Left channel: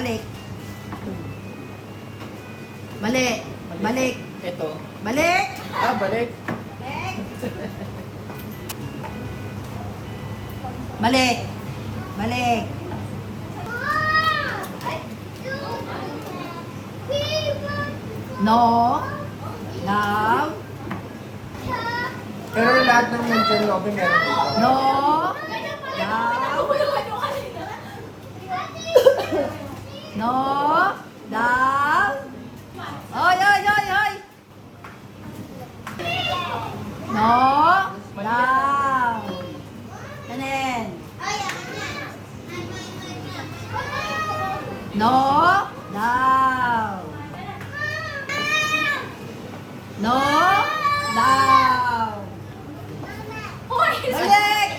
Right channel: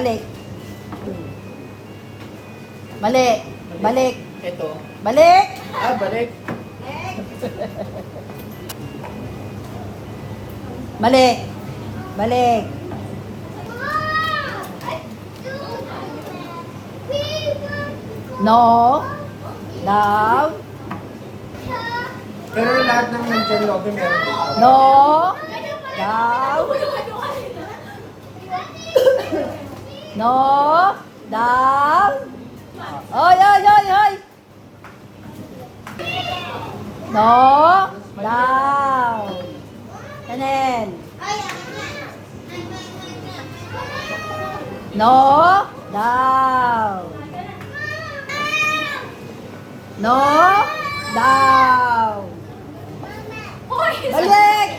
Balik. Mali. Balik. Ito. Balik. Balik. Balik. Balik. No. Love. Pero lahat ng mention lobby meron dito. No. Love. No. Love. Oy, oy, oy, oy. No. Love. Tanen. No. Love. No. Love. Balik.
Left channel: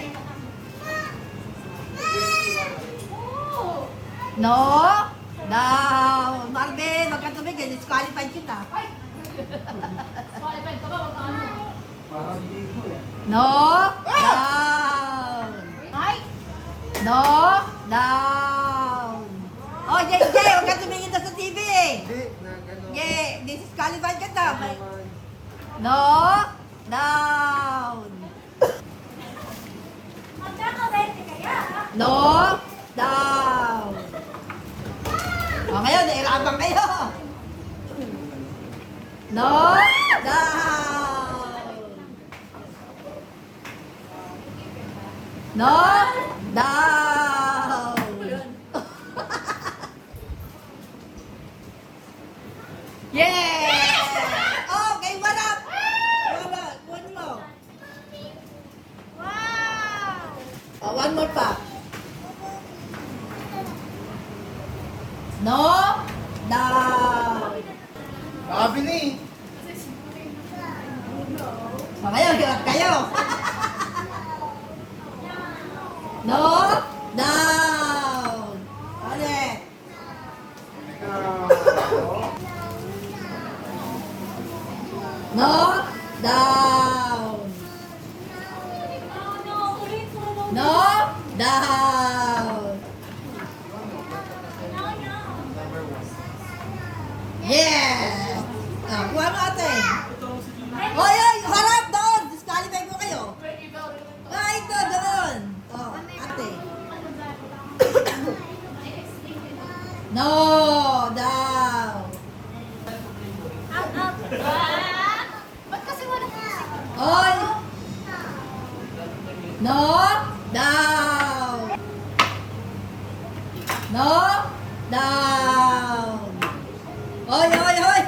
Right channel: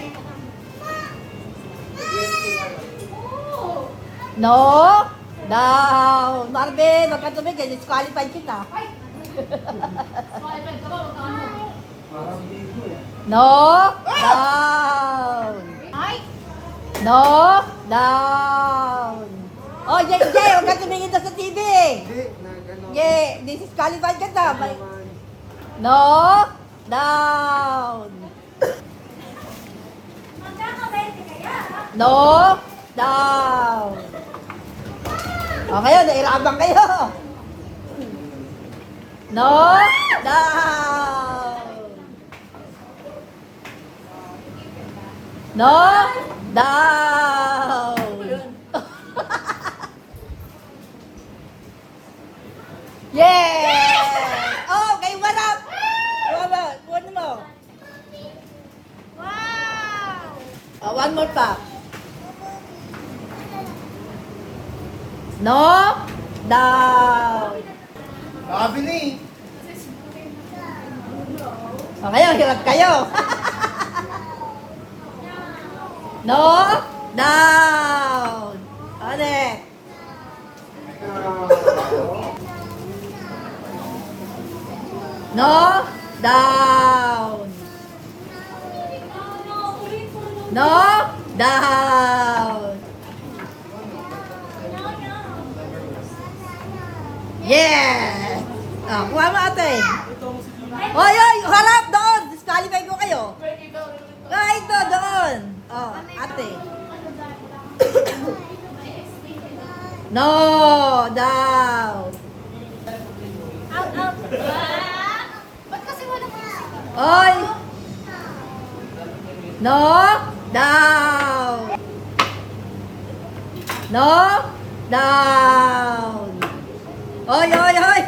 No. Down. Marvin, huwag ka tumigil. Disqualified kita. Parang dito eh. No. Down. No. Down. Oh, Jay, huwag ka tumingin na sa TV. Hindi, na gano'n. Yeah, disqualified ka ta. Naman. No. Down. No. Down. O ngayon, nailabang kayo. No. Down. No. Down. Yeah! Oh, kay Warap! Wala, kunin mo. Oh, one more pa. No. Down. Sabi ni. O ngayon, hirap kayo. No. Down. Ulit. No. Down. No. Down. Yeah! Ah, kuha mo ate. Oy, oy! Harap doon! Disqualify ko kayo. Ito, doon. Oh, ate. No! Down. Oy! No! Down. No! Down. Oy, oy, oy!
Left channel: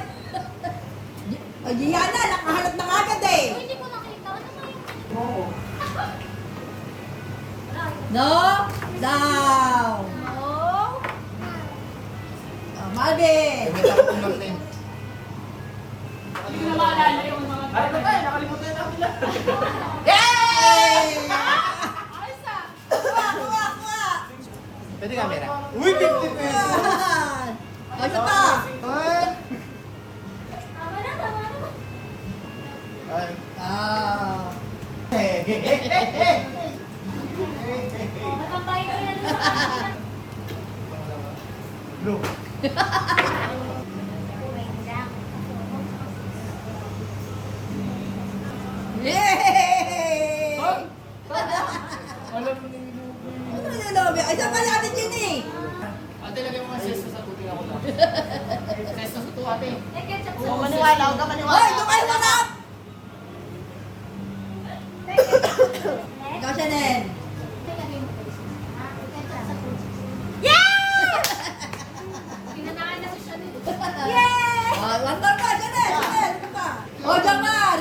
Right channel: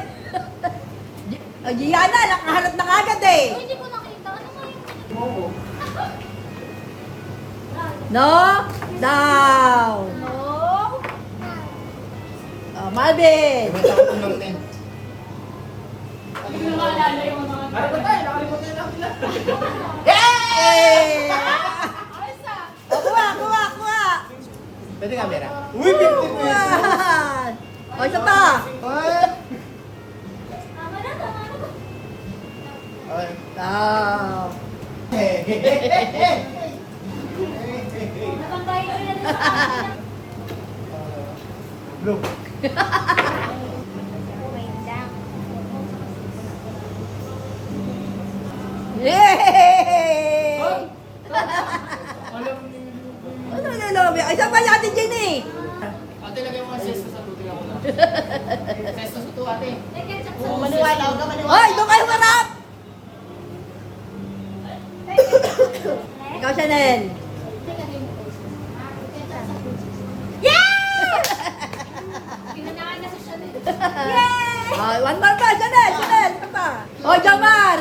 Giana, nakahanap na agad eh. Hindi ko nakita. Ano ba yun? Oo. No, down. No. Marvin. May takot ng din. Hindi na maalala yung mga... Ano ba tayo? Nakalimutan na sila. Yay! Ayos ah! Kuha, kuha, kuha. Pwede camera? Uy, 50 pesos! Yan. O, isa pa. Ay! Tama na, tama na. Ay. Ah. Napantay ko yan. Blue. Wait lang. Yay! Alam mo ni Ano nilolobi? Isa pa natin dyan eh. Ate, lagay mo nga sesto sa tubig ako lang. Sesto sa to, ate. Eh, ketchup Oo, sa maniwala, huwag ka maniwala. Hoy, doon kayo manap! Ikaw, Chanel. Pinanakan na si Chanel. Oh, one more pa, Chanel, Chanel. Ano pa? Oh, Jamal.